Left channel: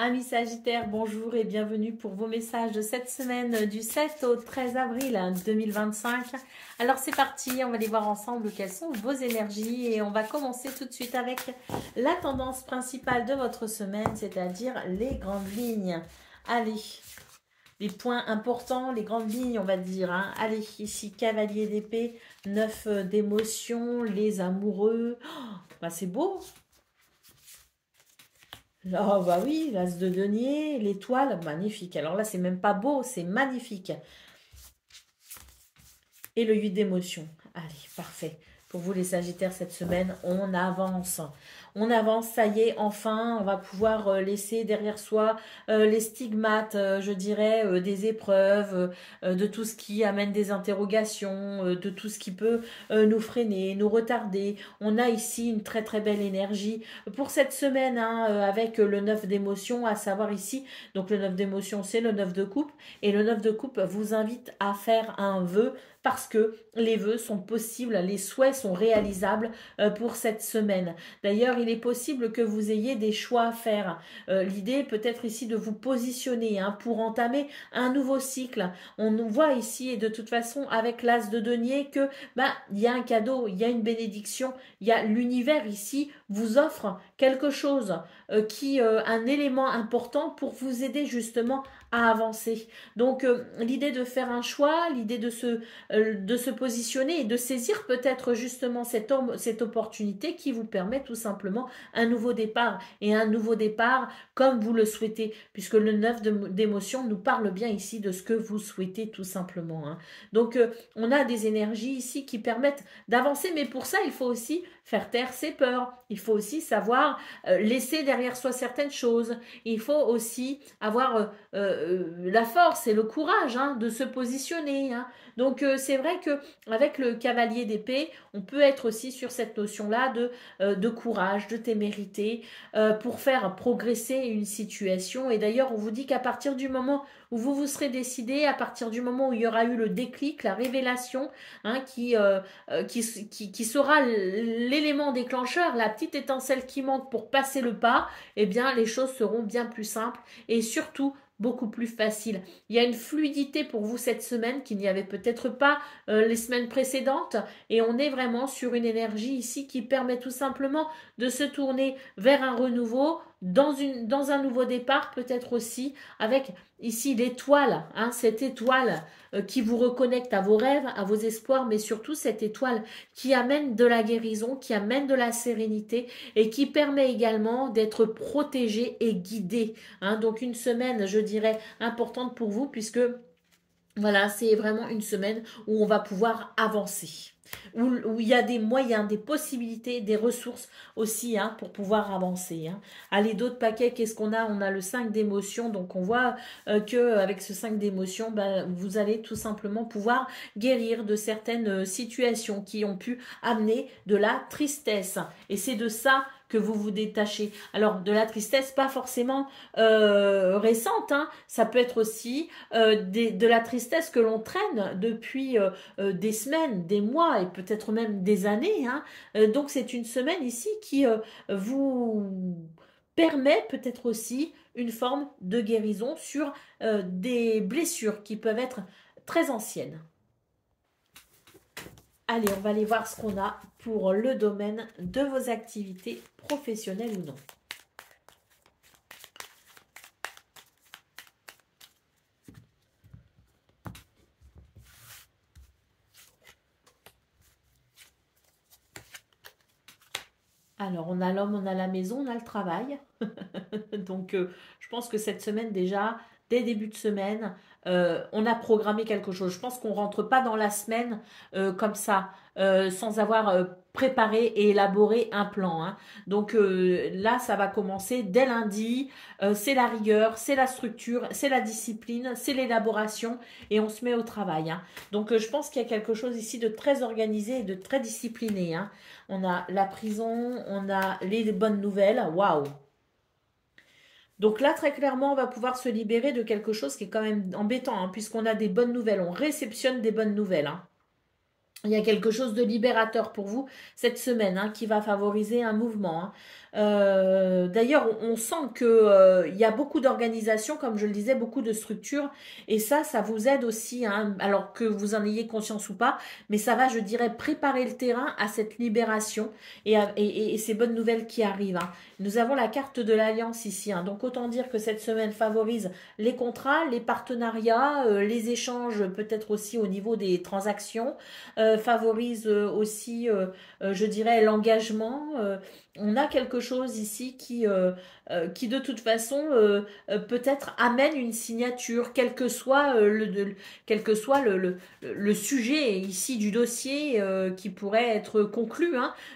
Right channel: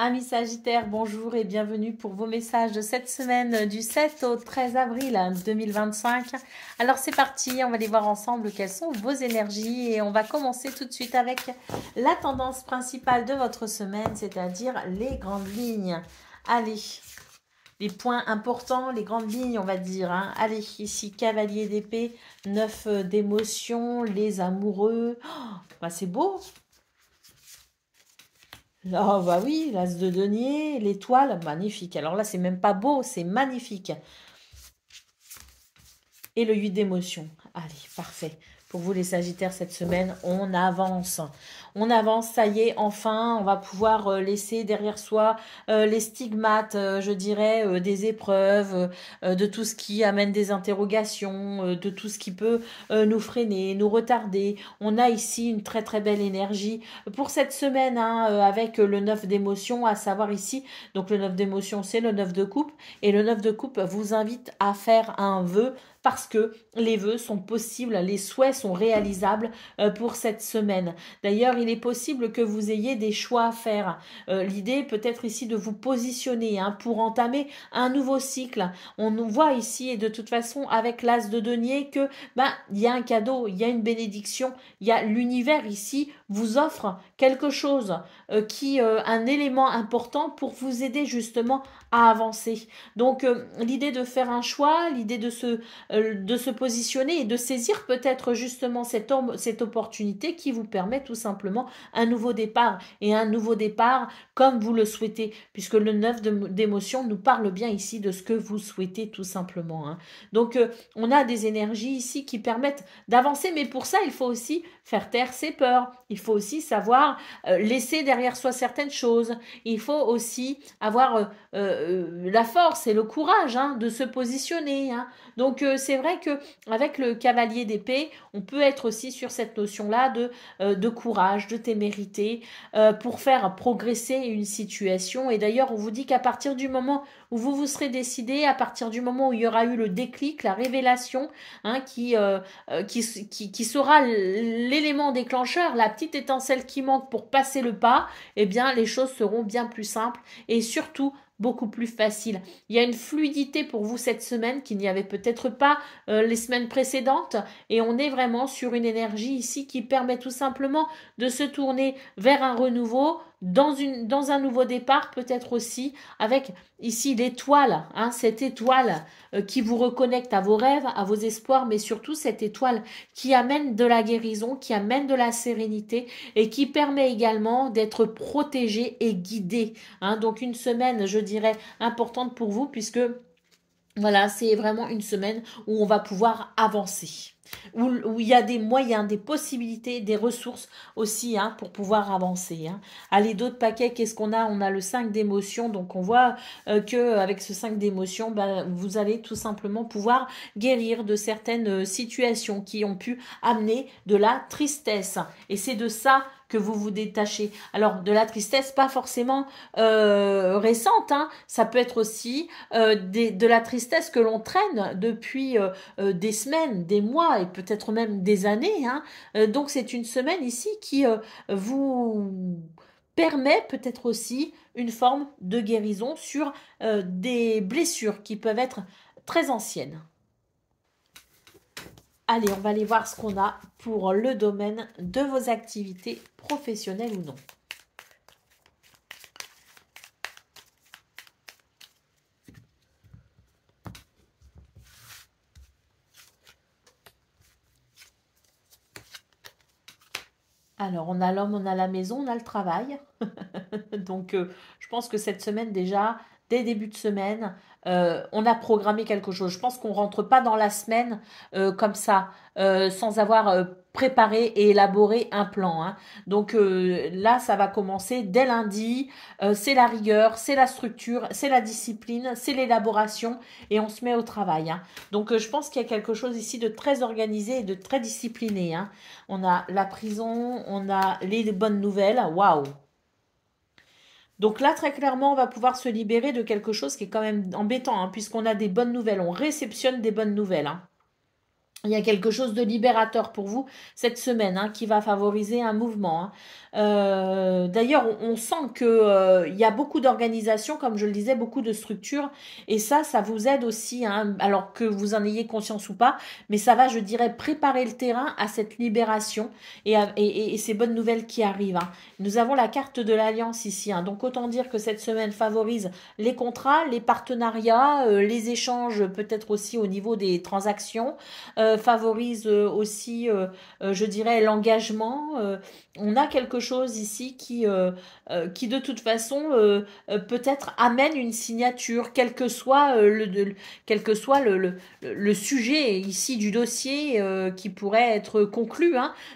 Amis Sagittaires, bonjour et bienvenue pour vos messages de cette semaine du 7 au 13 avril 2025. Alors c'est parti, on va aller voir ensemble quelles sont vos énergies et on va commencer tout de suite avec la tendance principale de votre semaine, c'est-à-dire les grandes lignes. Allez, les points importants, les grandes lignes, on va dire. Allez, ici, cavalier d'épée, 9 d'émotions, les amoureux. Oh, bah c'est beau. Ah bah oui, l'as de denier, l'étoile, magnifique. Alors là, c'est même pas beau, c'est magnifique. Et le 8 d'émotion. Allez, parfait. Pour vous les Sagittaires, cette semaine, on avance. On avance, ça y est, enfin, on va pouvoir laisser derrière soi les stigmates, je dirais, des épreuves, de tout ce qui amène des interrogations, de tout ce qui peut nous freiner, nous retarder. On a ici une très très belle énergie pour cette semaine, avec le 9 d'émotion, à savoir ici, donc le 9 d'émotion, c'est le 9 de coupe, et le 9 de coupe vous invite à faire un vœu parce que les vœux sont possibles, les souhaits sont réalisables pour cette semaine. D'ailleurs, il est possible que vous ayez des choix à faire. L'idée peut-être ici de vous positionner pour entamer un nouveau cycle. On nous voit ici, et de toute façon, avec l'as de denier, que il y a un cadeau, il y a une bénédiction, il y a l'univers ici vous offre quelque chose un élément important pour vous aider justement à avancer. Donc l'idée de faire un choix, l'idée de se positionner et de saisir peut-être justement cette opportunité qui vous permet tout simplement un nouveau départ, et un nouveau départ comme vous le souhaitez, puisque le 9 d'émotion nous parle bien ici de ce que vous souhaitez tout simplement. Donc on a des énergies ici qui permettent d'avancer, mais pour ça il faut aussi faire taire ses peurs, il faut aussi savoir laisser derrière soi certaines choses, il faut aussi avoir la force et le courage de se positionner. Donc c'est vrai que avec le cavalier d'épée, on peut être aussi sur cette notion-là de courage, de témérité, pour faire progresser une situation. Et d'ailleurs, on vous dit qu'à partir du moment où vous vous serez décidé, à partir du moment où il y aura eu le déclic, la révélation, qui sera l'élément déclencheur, la petite étincelle qui manque pour passer le pas, eh bien les choses seront bien plus simples et surtout beaucoup plus faciles. Il y a une fluidité pour vous cette semaine qu'il n'y avait peut-être pas les semaines précédentes, et on est vraiment sur une énergie ici qui permet tout simplement de se tourner vers un renouveau, dans un nouveau départ peut-être aussi, avec ici l'étoile, cette étoile qui vous reconnecte à vos rêves, à vos espoirs, mais surtout cette étoile qui amène de la guérison, qui amène de la sérénité et qui permet également d'être protégé et guidé. Donc une semaine, je dirais, importante pour vous, puisque voilà, c'est vraiment une semaine où on va pouvoir avancer, où il y a des moyens, des possibilités, des ressources aussi pour pouvoir avancer. Allez, d'autres paquets, qu'est-ce qu'on a? On a le 5 d'émotions, donc on voit qu'avec ce 5 d'émotions, vous allez tout simplement pouvoir guérir de certaines situations qui ont pu amener de la tristesse. Et c'est de ça que vous vous détachez. Alors, de la tristesse, pas forcément récente, ça peut être aussi de la tristesse que l'on traîne depuis des semaines, des mois et peut-être même des années. Donc, c'est une semaine ici qui vous permet peut-être aussi une forme de guérison sur des blessures qui peuvent être très anciennes. Allez, on va aller voir ce qu'on a pour le domaine de vos activités professionnelles ou non. Alors, on a l'homme, on a la maison, on a le travail. Donc, je pense que cette semaine déjà, dès début de semaine, on a programmé quelque chose. Je pense qu'on ne rentre pas dans la semaine comme ça, sans avoir préparé et élaboré un plan. Donc là, ça va commencer dès lundi. C'est la rigueur, c'est la structure, c'est la discipline, c'est l'élaboration et on se met au travail. Donc je pense qu'il y a quelque chose ici de très organisé et de très discipliné. On a la prison, on a les bonnes nouvelles. Waouh! Donc là, très clairement, on va pouvoir se libérer de quelque chose qui est quand même embêtant, puisqu'on a des bonnes nouvelles. On réceptionne des bonnes nouvelles. Il y a quelque chose de libérateur pour vous cette semaine qui va favoriser un mouvement. D'ailleurs, on sent que il y a beaucoup d'organisations, comme je le disais, beaucoup de structures, et ça vous aide aussi, alors que vous en ayez conscience ou pas, mais ça va, je dirais, préparer le terrain à cette libération et ces bonnes nouvelles qui arrivent. Nous avons la carte de l'alliance ici, donc autant dire que cette semaine favorise les contrats, les partenariats, les échanges, peut-être aussi au niveau des transactions, favorise aussi, je dirais, l'engagement. On a quelque chose ici qui de toute façon peut-être amène une signature, quel que soit le sujet ici du dossier qui pourrait être conclu,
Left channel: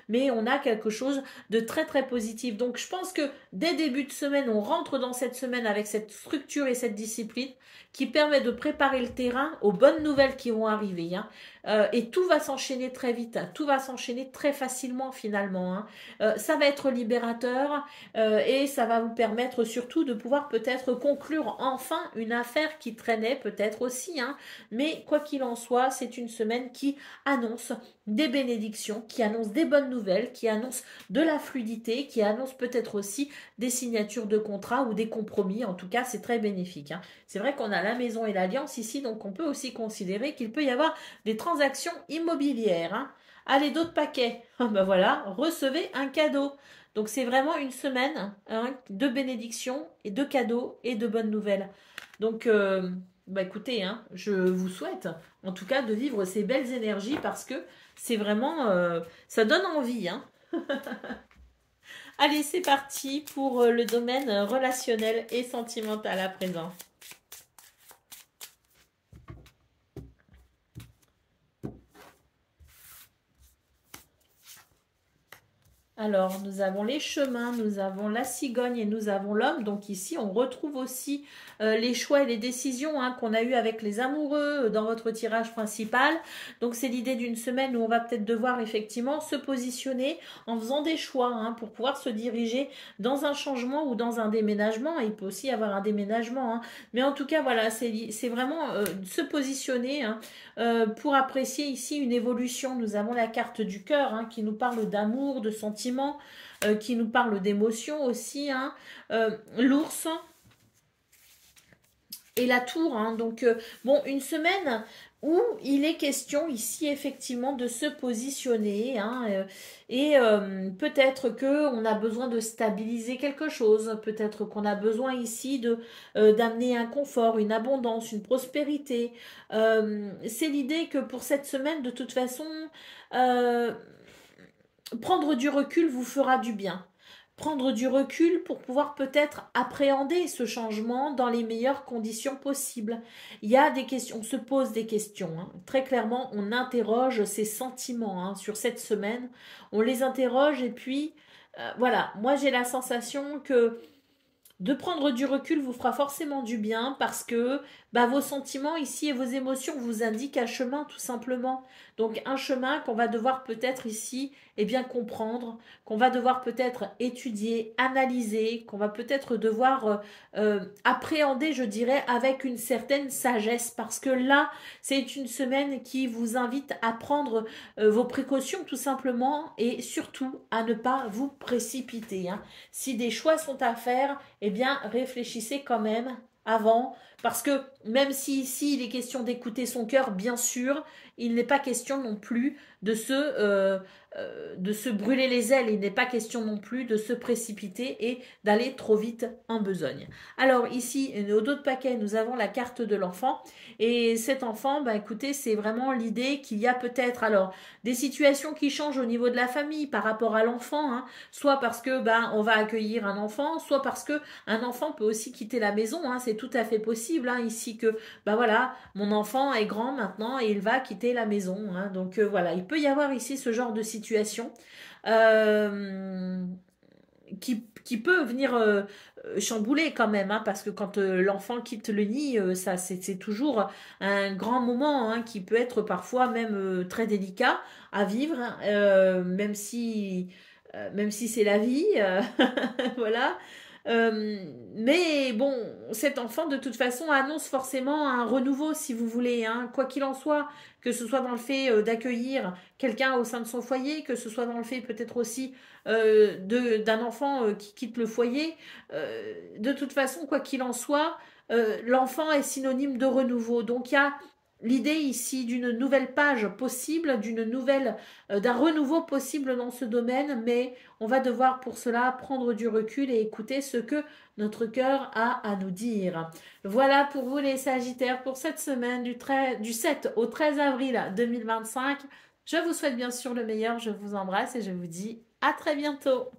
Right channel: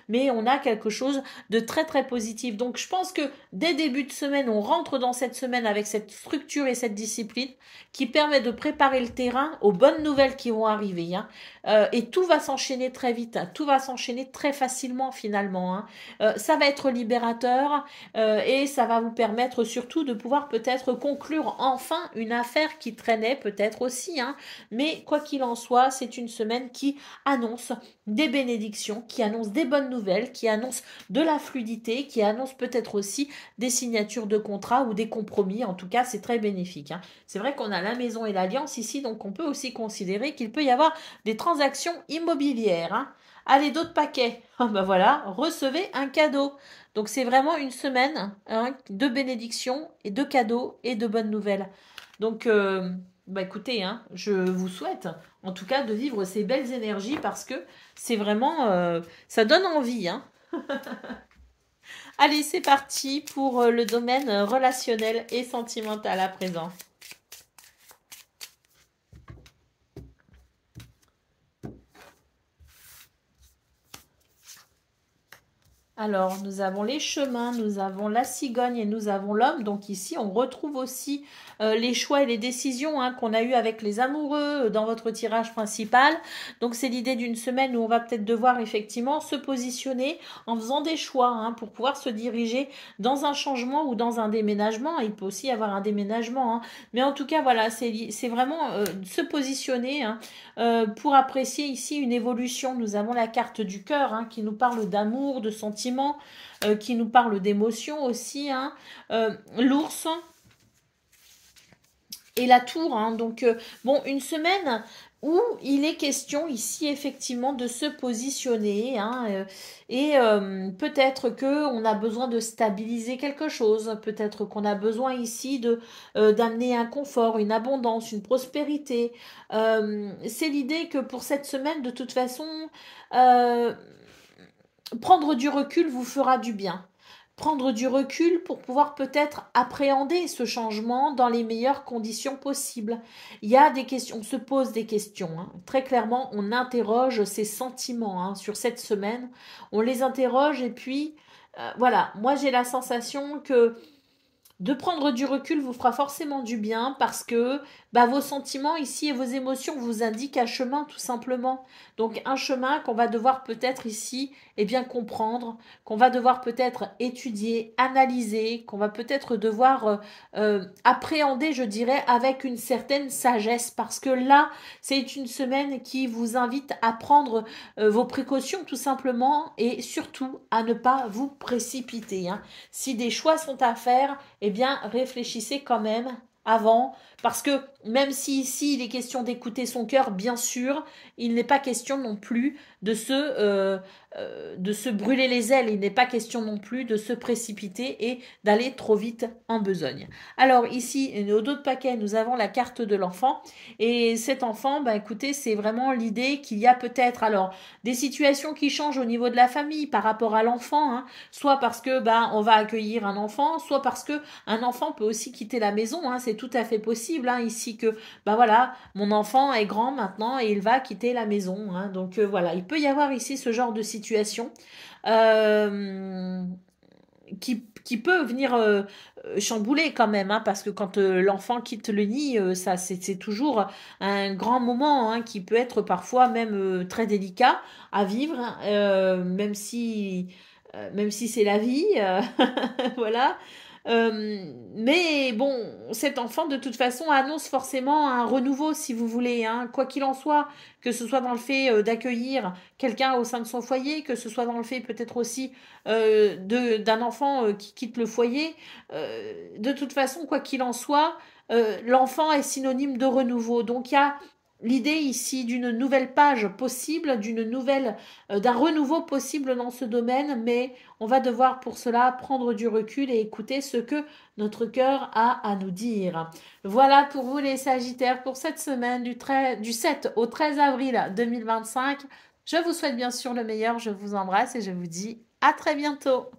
mais on a quelque chose de très très positif. Donc je pense que dès début de semaine, on rentre dans cette semaine avec cette structure et cette discipline qui permet de préparer le terrain aux bonnes nouvelles qui vont arriver. Et tout va s'enchaîner très vite, tout va s'enchaîner très facilement finalement. Ça va être libérateur et ça va vous permettre surtout de pouvoir peut-être conclure enfin une affaire qui traînait peut-être aussi. Mais quoi qu'il en soit, c'est une semaine qui annonce des bénédictions, qui annonce des bonnes nouvelles, qui annonce de la fluidité, qui annonce peut-être aussi des signatures de contrats ou des compromis. En tout cas, c'est très bénéfique. C'est vrai qu'on a la maison et l'alliance ici, donc on peut aussi considérer qu'il peut y avoir des transactions immobilières. Allez, d'autres paquets. Ben voilà, recevez un cadeau. Donc c'est vraiment une semaine de bénédictions et de cadeaux et de bonnes nouvelles. Donc écoutez, je vous souhaite en tout cas de vivre ces belles énergies parce que c'est vraiment, ça donne envie. Allez, c'est parti pour le domaine relationnel et sentimental à présent. Alors, nous avons les chemins, nous avons la cigogne et nous avons l'homme. Donc ici, on retrouve aussi les choix et les décisions qu'on a eues avec les amoureux dans votre tirage principal. Donc c'est l'idée d'une semaine où on va peut-être devoir effectivement se positionner en faisant des choix pour pouvoir se diriger dans un changement ou dans un déménagement. Il peut aussi y avoir un déménagement. Mais en tout cas, voilà, c'est vraiment se positionner pour apprécier ici une évolution. Nous avons la carte du cœur qui nous parle d'amour, de sentiments, qui nous parle d'émotions aussi. L'ours et la tour. Donc, une semaine où il est question ici effectivement de se positionner et peut-être qu'on a besoin de stabiliser quelque chose, peut-être qu'on a besoin ici d'amener un confort, une abondance, une prospérité. C'est l'idée que pour cette semaine, de toute façon, prendre du recul vous fera du bien. Prendre du recul pour pouvoir peut-être appréhender ce changement dans les meilleures conditions possibles. Il y a des questions, on se pose des questions. Très clairement, on interroge ses sentiments sur cette semaine. On les interroge et puis, voilà, moi j'ai la sensation que de prendre du recul vous fera forcément du bien parce que vos sentiments ici et vos émotions vous indiquent un chemin tout simplement. Donc un chemin qu'on va devoir peut-être ici bien comprendre, qu'on va devoir peut-être étudier, analyser, qu'on va peut-être devoir appréhender, je dirais, avec une certaine sagesse parce que là, c'est une semaine qui vous invite à prendre vos précautions tout simplement et surtout à ne pas vous précipiter. Si des choix sont à faire, réfléchissez quand même avant, parce que même si ici il est question d'écouter son cœur, bien sûr, il n'est pas question non plus de se brûler les ailes, il n'est pas question non plus de se précipiter et d'aller trop vite en besogne. Alors ici, au dos de paquet, nous avons la carte de l'enfant, et cet enfant, écoutez, c'est vraiment l'idée qu'il y a peut-être alors des situations qui changent au niveau de la famille par rapport à l'enfant, soit parce que on va accueillir un enfant, soit parce que un enfant peut aussi quitter la maison, c'est tout à fait possible ici que voilà, mon enfant est grand maintenant et il va quitter la maison, donc voilà, il peut y avoir ici ce genre de situation qui peut venir chambouler quand même, parce que quand l'enfant quitte le nid, ça c'est toujours un grand moment qui peut être parfois même très délicat à vivre, même si c'est la vie, voilà. Mais bon, cet enfant, de toute façon, annonce forcément un renouveau, si vous voulez, hein. Quoi qu'il en soit, que ce soit dans le fait d'accueillir quelqu'un au sein de son foyer, que ce soit dans le fait peut-être aussi d'un enfant qui quitte le foyer. De toute façon, quoi qu'il en soit, l'enfant est synonyme de renouveau. Donc il y a l'idée ici d'une nouvelle page possible, d'un renouveau possible dans ce domaine, mais on va devoir pour cela prendre du recul et écouter ce que notre cœur a à nous dire. Voilà pour vous les Sagittaires pour cette semaine du 7 au 13 avril 2025. Je vous souhaite bien sûr le meilleur, je vous embrasse et je vous dis à très bientôt.